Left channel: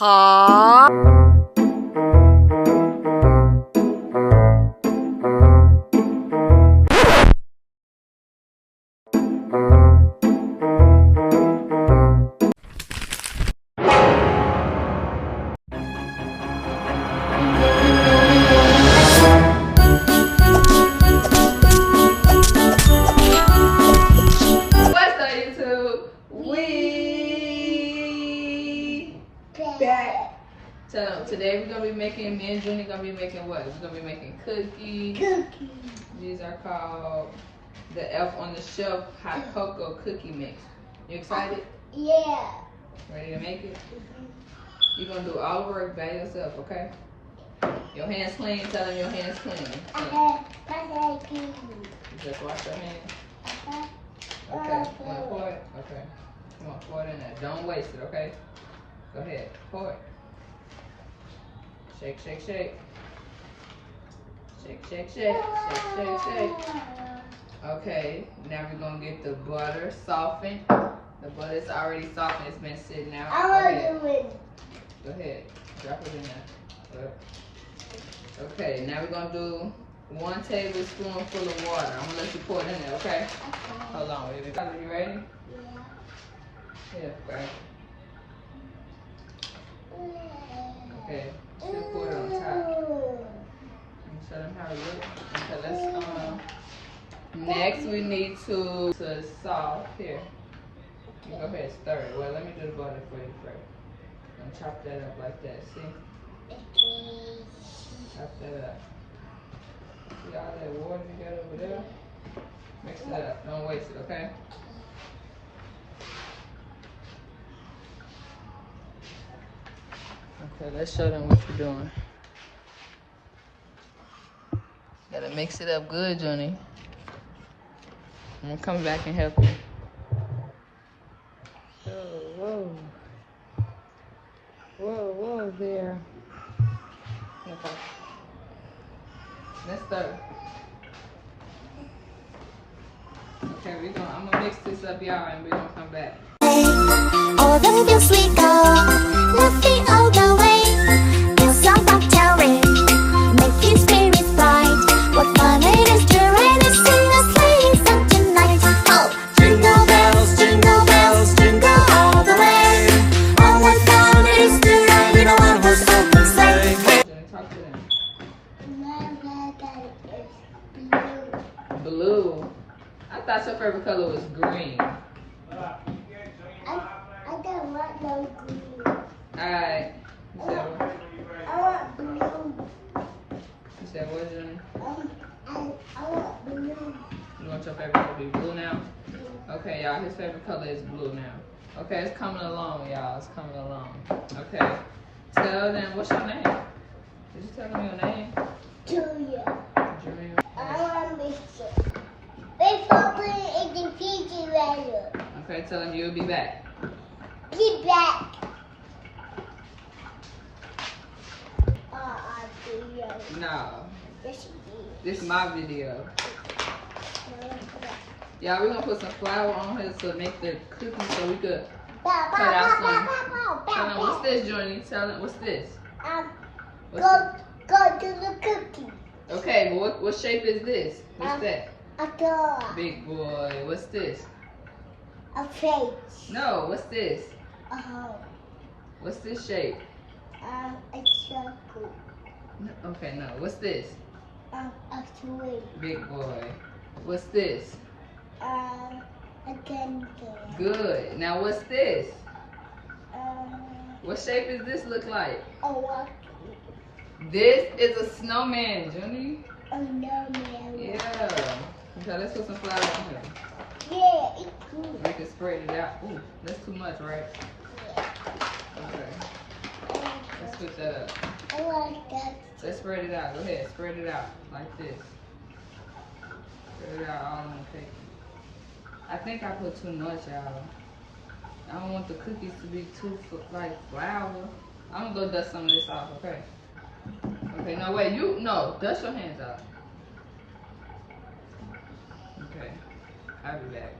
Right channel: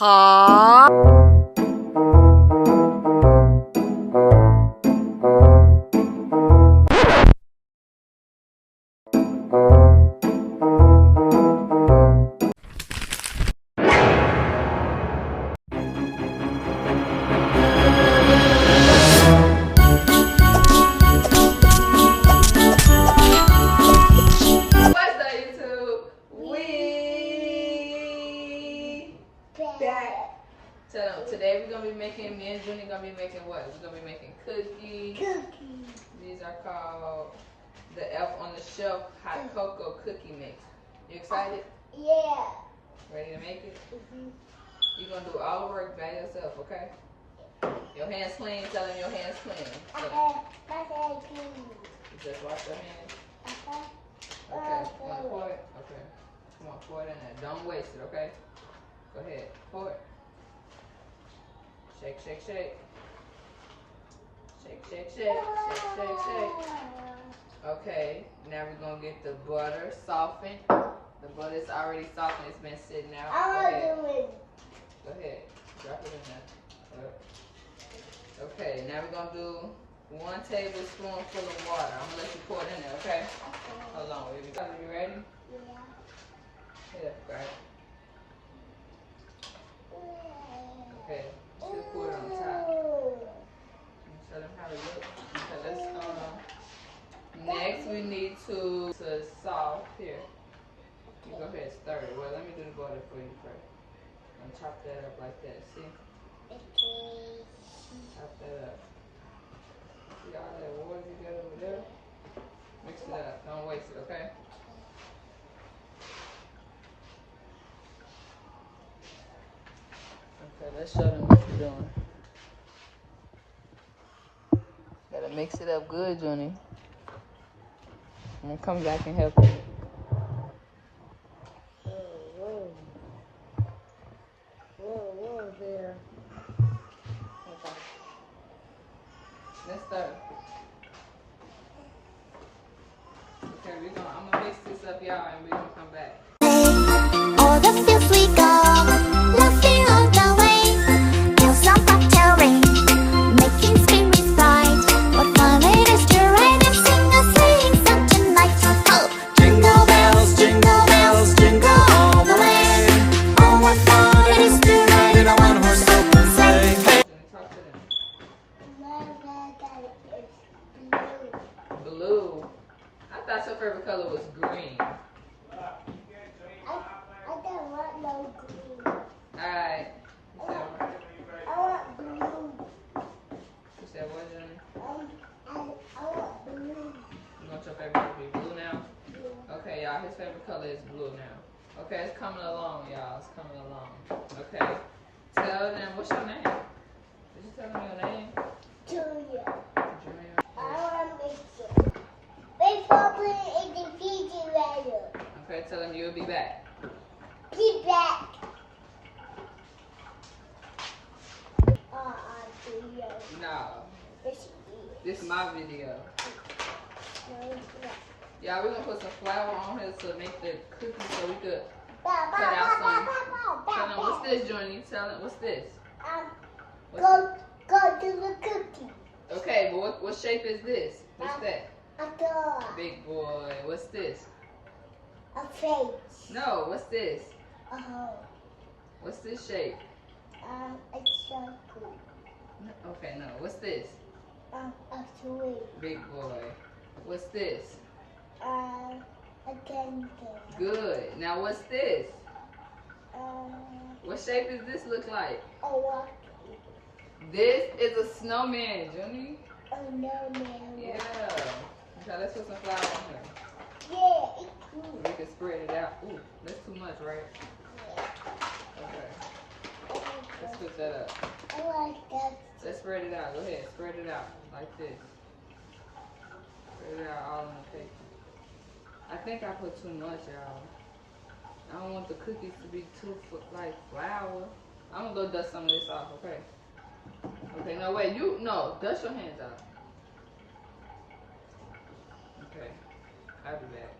Tell them, today we're going to be making, me and Junie going to be making what? We're going to be making cookies. These are called the Elf on the Shelf Hot Cocoa Cookie Mix. You excited? Yeah. Ready to make it? You're going to do all the work by yourself, okay? Your hands clean. Tell them your hands clean. My hands clean. You just wash your hands? Okay. Want to pour it? Okay. Come on, pour it in there. Don't waste it, okay? Go ahead. Pour it. Shake, shake, shake. Shake, shake, shake. Shake, shake, shake. Okay, now we're going to get the butter softened. The butter's already softened. It's been sitting out. I want to do it. Go ahead. Drop it in there. Okay, now we're going to do 1 tablespoon full of water. I'm going to let you pour it in there, okay? Hold on. Are you ready? Yeah. Yeah, okay. Okay, still pour it on top. Show them how it looks. Okay, let's next we need to salt here. You go ahead, stir it. Well, let me do the butter for you first. And chop that up like that. See? Chop that up. See all that water you got over there? Mix it up. Don't waste it, okay? Okay, let's show them what you're doing. Gotta mix it up good, Johnny. I'm gonna come back and help you. Whoa. Whoa there. Okay. Let's start. Okay, I'm gonna mix this up, y'all, and we're gonna come back. All the fields we go, laughing all the way. Till some ring, making spirits bright. What fun it is to ride and sing a sleighing song tonight! Oh, jingle bells, jingle all the way. Oh, what fun it is to ride in a one-horse open sleigh. Hey. Talk to them. My favorite is blue. Blue. I thought your favorite color was green. I don't want no green. Alright. You said what? I want blue. You said what, Johnny? I want blue. You want your favorite color to be blue now? Okay, y'all, his favorite color is blue now. Okay, it's coming along, y'all. It's coming along. Okay. Tell them, what's your name? Did you tell them your name? Julia. Julia. I want to mix it. Before putting it in the refrigerator. Okay, tell them you'll be back. Be back. Video. No. Yes, it This is my video. is. No, Y'all, we're going to put some flour on here to make the cookies so we could Bow, cut out some. bow, Tell them, what's this, Johnny? Tell them, what's this? What's Go to the cookie. Okay, but what shape is this? What's that? A dog. Big boy. What's this? A face. No, what's this? A hole. What's this shape? A circle. Okay, no. What's this? A tree. Big boy. What's this? A candy. Good. Now what's this? A What shape does this look like? walkie. This is a snowman, Junie. A no man. Yeah. Okay, let's put some flour on here. Yeah, it's cool. We can spread it out. Ooh, that's too much, right? Okay. Let's switch that up. I like that. Let's spread it out. Go ahead, spread it out like this. Spread it out all on the cake. I think I put too much, y'all. I don't want the cookies to be too like flour. I'm gonna go dust some of this off, okay? Okay, no wait, dust your hands out. Okay, I'll be back.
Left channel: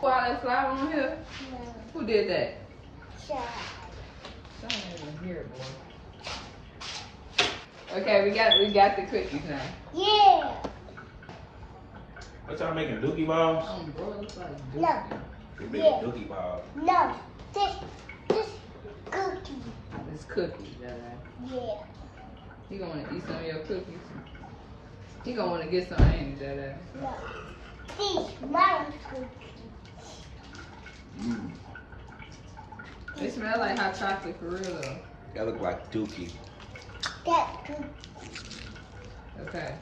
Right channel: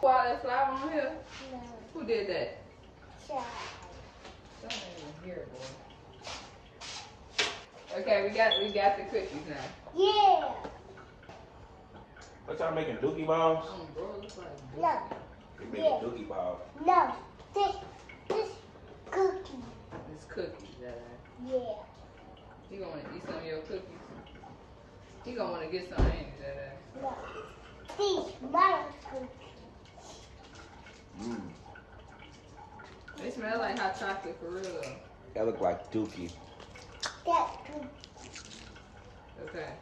Put all that flour on here? No. Who did that? Child. Okay, we got the cookies now. Yeah. What y'all making, dookie balls? Bro, it looks like No. We making Yeah. dookie balls. No. This cookie. It's cookies, Yeah. He gonna wanna eat some of your cookies. He gonna wanna get some, ain't he, Dada? No. This my cookie. Mmm. They smell like hot chocolate for real though. That look like dookie. That cookie. Okay.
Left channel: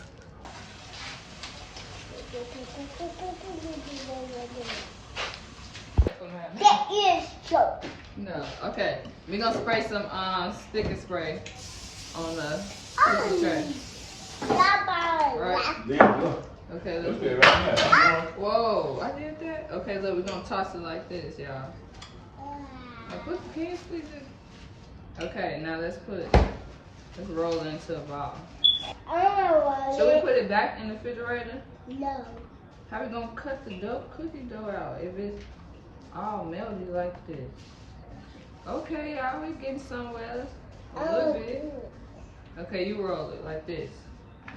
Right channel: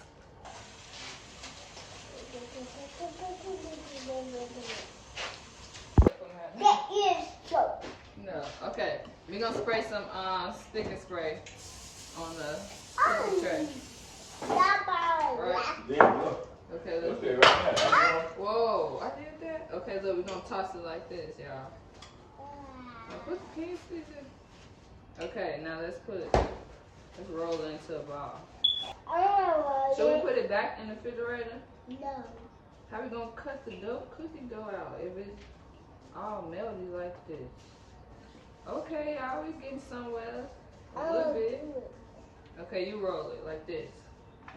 That is soap. No. Okay. We gonna spray some sticker spray on the cookie tray. Right. Yeah, look. Okay, let's Look do at it. it right there. Whoa, I did that? Okay, look, we're gonna toss it like this, y'all. Now put the cans, please. Okay, now let's roll it into a ball. Should we put it back in the refrigerator? No. How we gonna cut the cookie dough out if it's all melty like this? Okay, y'all, we getting somewhere. A little bit. Okay, you roll it like this.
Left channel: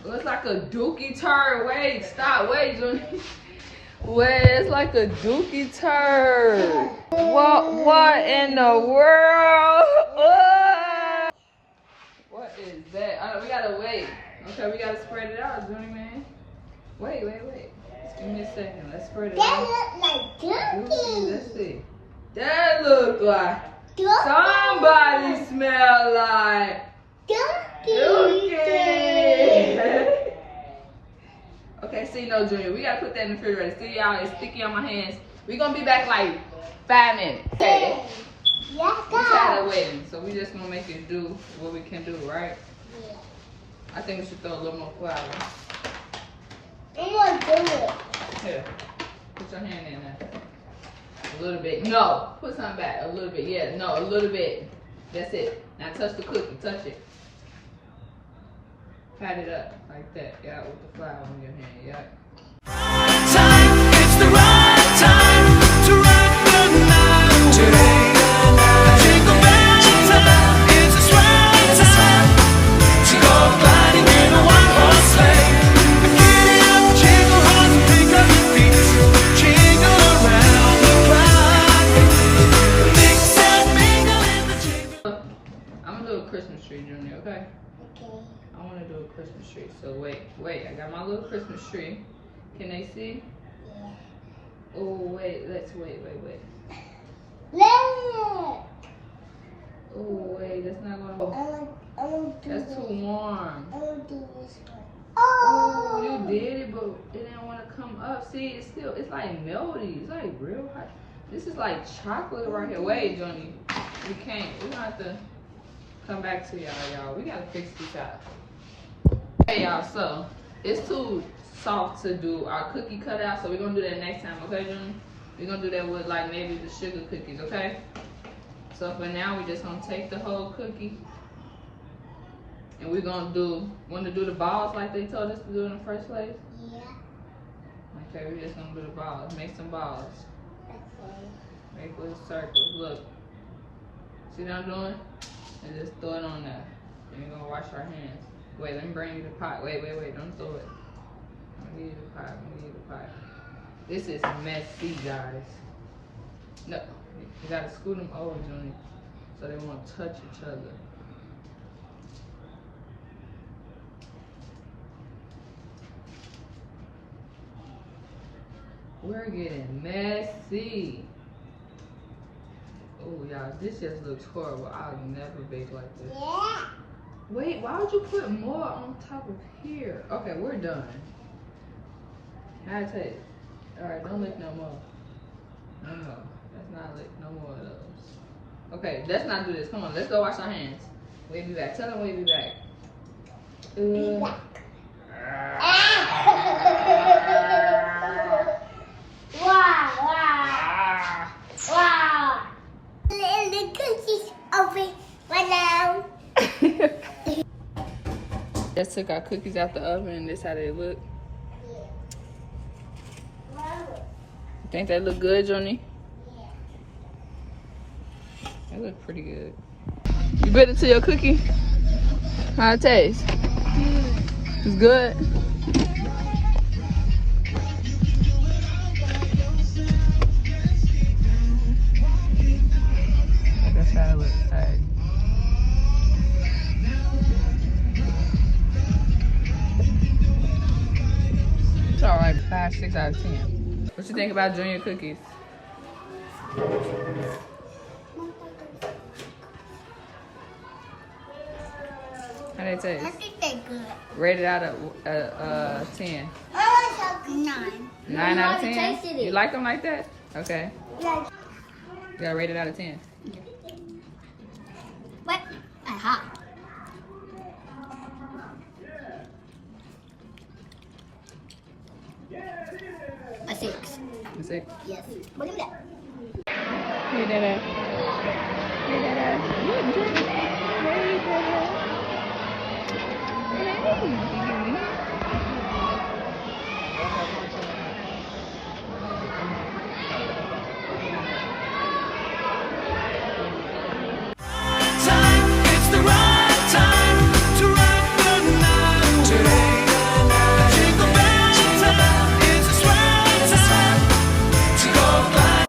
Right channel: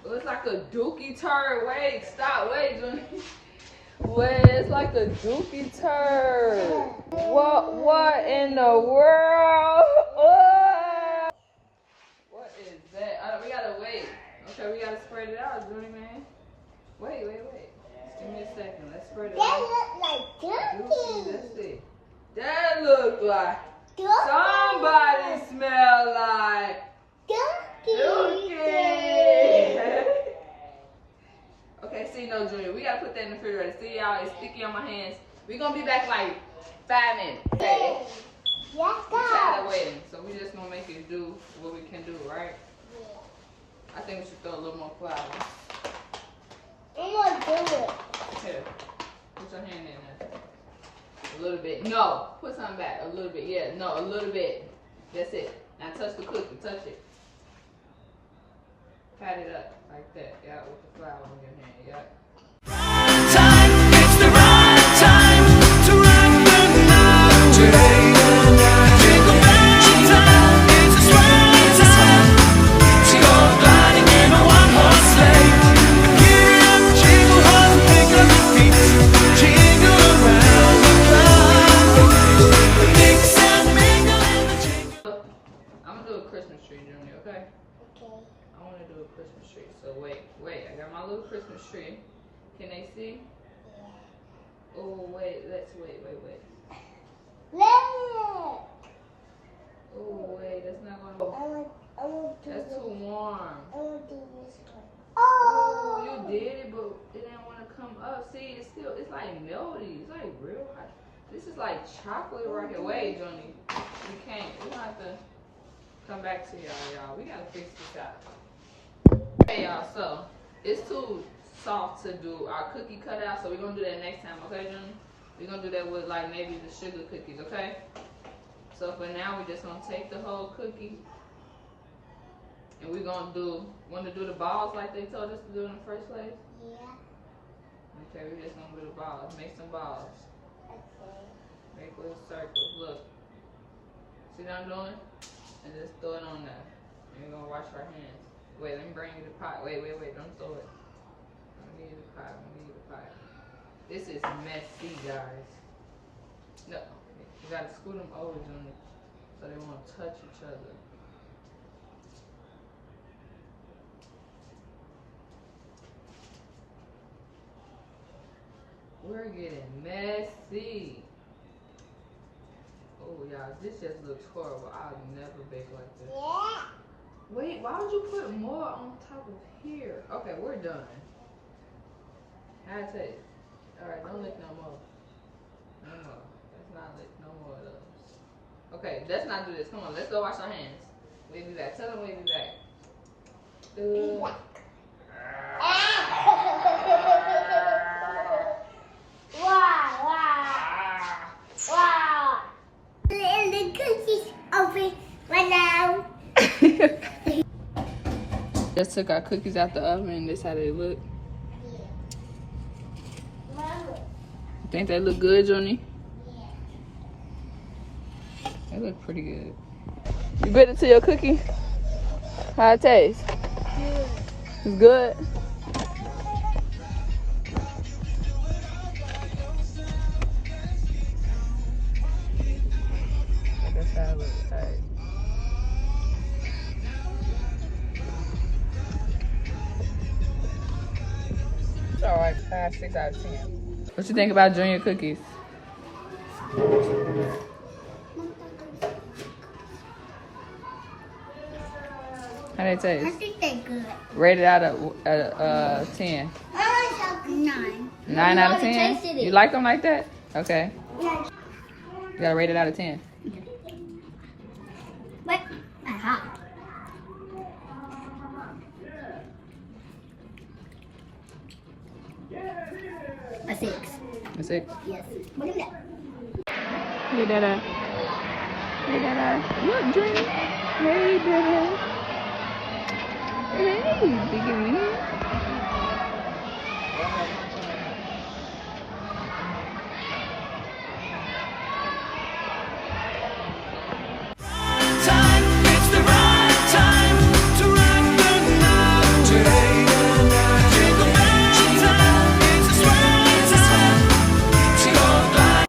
It looks like a dookie turd. Wait, stop, wait, Junior. Wait, it's like a dookie turd. What in the world? What is that? We gotta wait. Okay, we gotta spread it out, Junior, man. Wait. Just give me a second. Let's spread it That out. look like Dookie, dookie. let's see. That look like somebody smell like Dookie. Okay, see, no, Junior, we gotta put that in the refrigerator. See, y'all, it's sticky on my hands. We gonna be back like 5 minutes. Okay. We're tired of waiting, so we just gonna make it do what we can do, right? Yeah. I think we should throw a little more flour. I'm gonna do it. Here, put your hand in there. A little bit. No, put something back. A little bit. Yeah, no, a little bit. That's it. Now touch the cookie. Touch it. Pat it up like that. Yeah, with the flour on your hand. Yeah. It's the right time to rock the night away. Jingle bell time, it's a swell time to go gliding in a one-horse sleigh. Giddy up, jingle horse, and pick up your feet. Jingle around the clock, mix and mingle in the jingle. I'm gonna do a Christmas tree, Junior. Okay. Okay. I want to do a Christmas tree. So wait. I got my little Christmas tree. Can they see? Yeah. Oh wait. Let's wait. Look. Oh wait. That's not gonna. I want to do That's this. too warm. I want to do this one. Oh, Oh. you did it, but it didn't want to come up. See, it's like melty. It's like real hot. This is like chocolate right here. Wait, Johnny. We can't. We're gonna have to come back to y'all. We gotta fix this out. Hey, y'all. So it's too soft to do our cookie cutout. So we're gonna do that next time, okay, Johnny? We're gonna do that with like maybe the sugar cookies, okay? So for now, we're just gonna take the whole cookie. And we're gonna want to do the balls like they told us to do in the first place? Yeah. Okay, we're just gonna do the balls. Make some balls. Okay. Make little circles. Look. See what I'm doing? And just throw it on there. And we're gonna wash our hands. Wait, let me bring you the pot. Wait. Don't throw it. I'm gonna give you the pot. This is messy, guys. No. You gotta scoot them over, Junior, so they won't touch each other. We're getting messy. Oh, y'all, this just looks horrible. I'll never bake like this. Yeah. Wait, why would you put more on top of here? Okay, we're done. How it taste? Alright, don't lick no more. No more. Let's not lick no more of those. Okay, let's not do this. Come on, let's go wash our hands. We'll be back. Tell them we'll be back. Wow. The cookies open right now. Just took our cookies out the oven. This how they look. Think they look good, Johnny? They look pretty good. bit into your cookie? How it taste? Good. It's good. That's how it looks. Hey. It's alright. 5, 6 out of 10. What you think about Junior cookies? How they I taste? think they're good. Rated out of 10. 9. 9 out of 10? tasted it. You like them like that? Okay. Yeah. You gotta rate it out of 10. What? Aha. A 6. That's it. Yes. What is that? Hey, Dada. Hey, Dada. Look, Junior. Hey, Dada. Time, it's the right time to rock the night away. Jingle bell time, it's a swell time to go fly.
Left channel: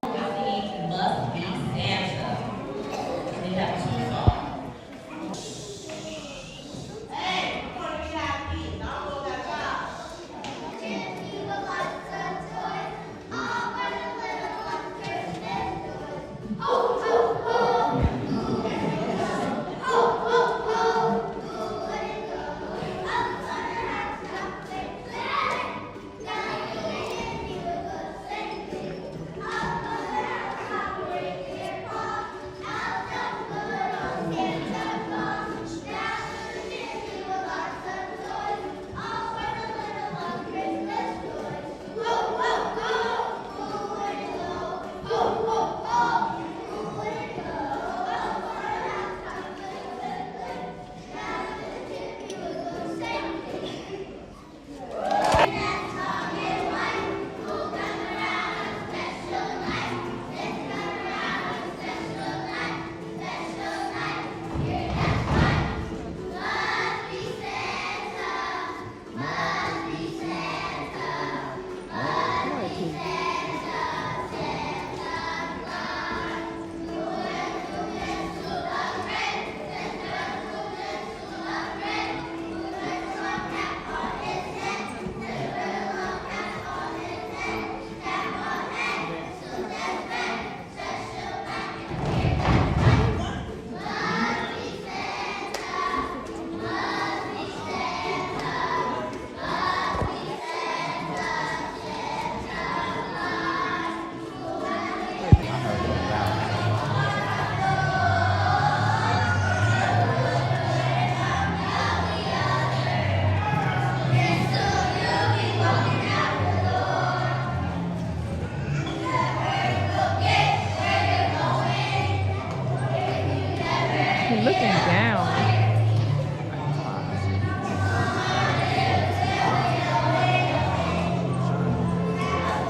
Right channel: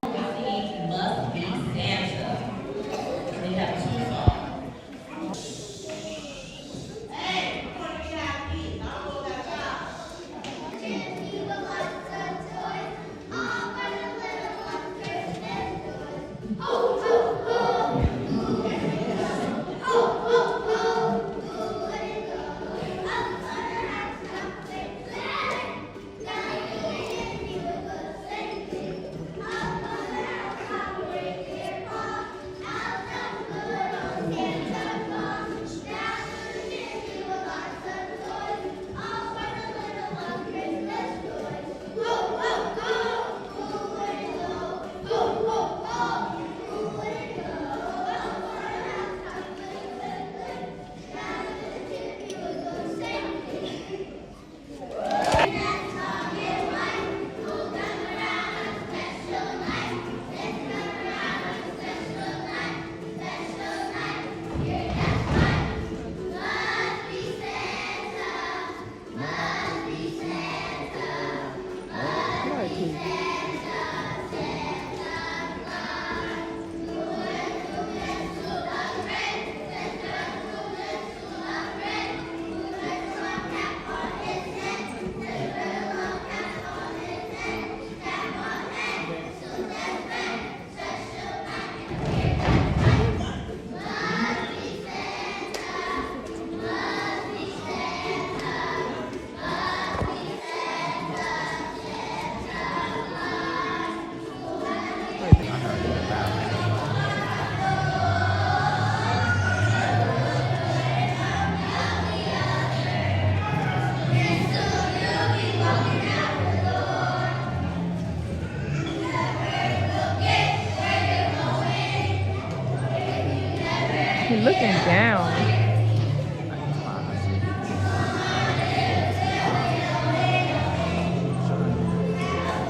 He's looking down.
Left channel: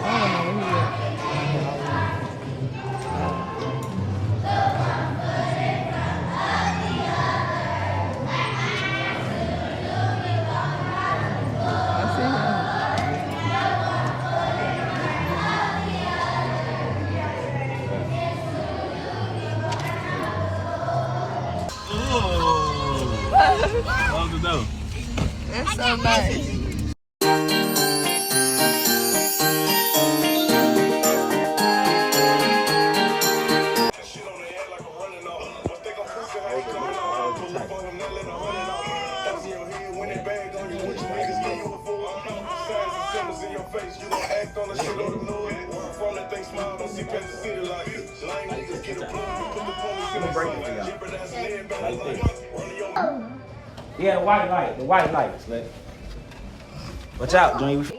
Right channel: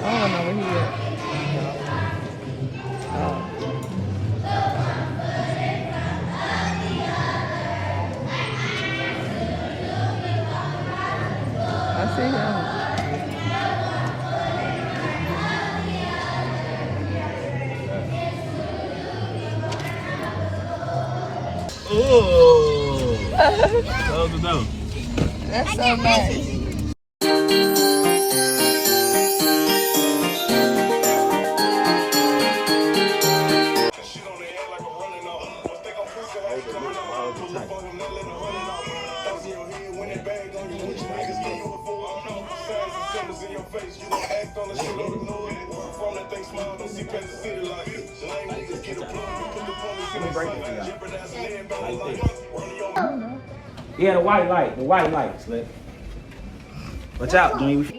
I don't know where he is. I see him. That's so nice. Yeah, the white light. The white lights. Watch out, dude.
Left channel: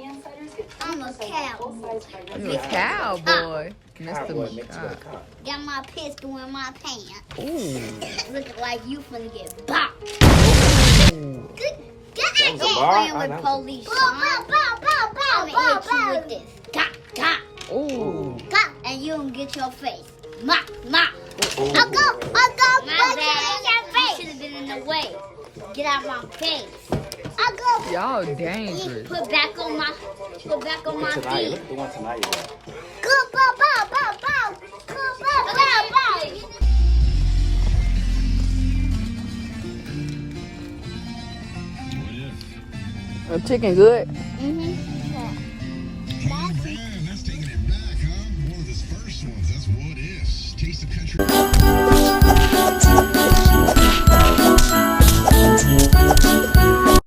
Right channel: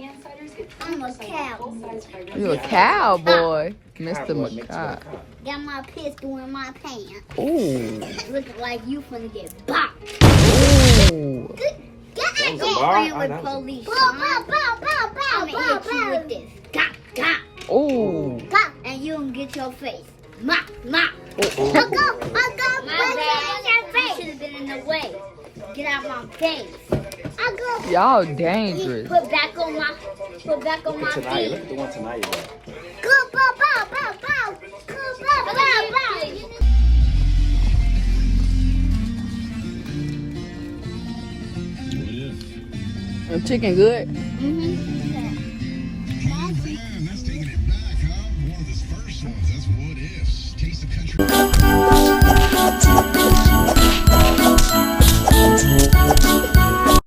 I'm a cowboy. You a cowboy, Mr. Macabre. Got my pistol in my pants. Ooh. Looking like you finna get bopped. Ooh. Get playing with police. I'ma hit you with this. Gah, gah, Ooh. gah, and you gonna get your face. Ma. I'll go. My bad. my face. Y'all dangerous. Put back on my feet. Look at the one tonight. Go, bow, bow, bow, bow. Go, bow, bow, bow. Chicken good? Mm-hmm.